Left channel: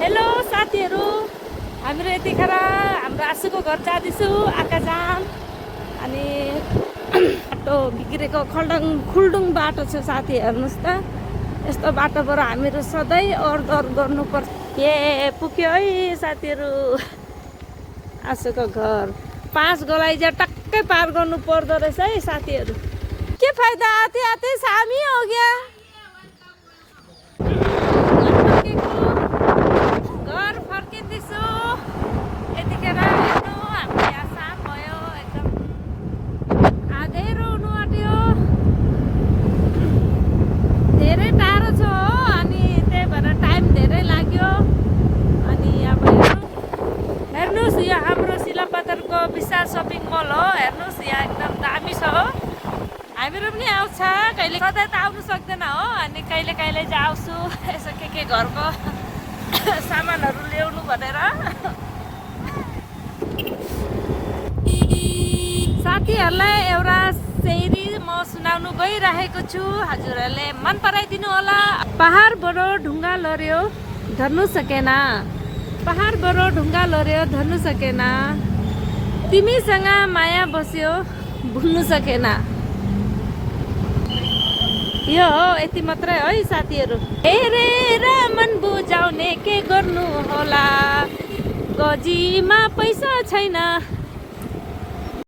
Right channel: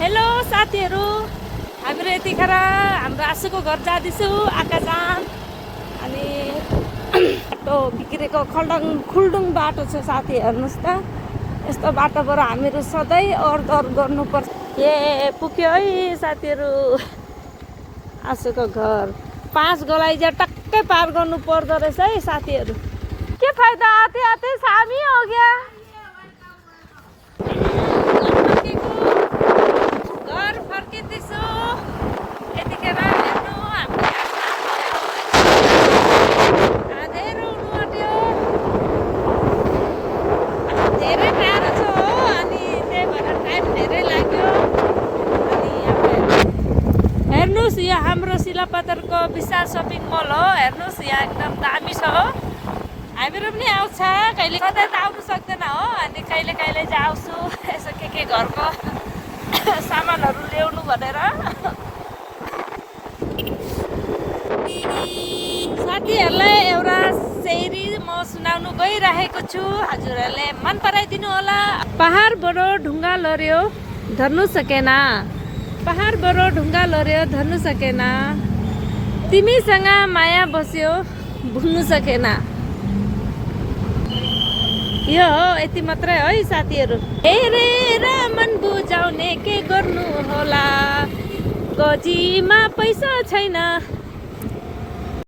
Hello साथीहरू, हामीहरू यतिखेर हाम्रो आँसुको घर जाँदैछु आकाजाम। अनि बाटो बिग्रेको खुल्डुङ बाटो छ साथी, हेर्नुहोस् त। यस्तो बाटोबाट हामीहरू सधैँ ओहोरदोहोर गर्नुपर्छ। पुग्यो है साथीहरू आँसुको घर। 5 गोलाइजा टक्कै पार गर्नु पर्दो रहेछ है साथीहरू। के फाइदा, आते आते सामी हो गया। घर फर्किँदैछु यतिखेर। हेर्नु हाम्रो आधै रुनु आँट्यो। धेरै टाढो छ हो, अनि त्यही भएर टाइम धेरै लाग्यो। अनि अब हेर्नुहोस्, यो हाम्रो सिलापत्तरको विशाल सपिङ मल हो। हेर्नुहोस्, यहाँ एकदम दामी छ हो। हामीहरू पनि आउँछ कहिले, सधैँ त आउनु सक्दैन हो। अनि कहिले कहिले चाहिँ आउँछु यसो के घरको सामानहरू ल्याउनु भनेर। साथीहरूलाई एउटा शेरी म सुनाउनु गइरहेको छु, हजुरहरूले मन पराइदिनु होला। पहाडबाट ढुङ्गा लड्यो धर्नु सकेन, पहाडबाट ढुङ्गा लड्यो धर्नु सकेन, तिमीसँग माया बस्यो भुल्नु सकेन। यो हो, यति मात्रै है साथीहरू। हेरेर मन बुझाउने के गर्नु होला, गोजीमा पैसा छैन।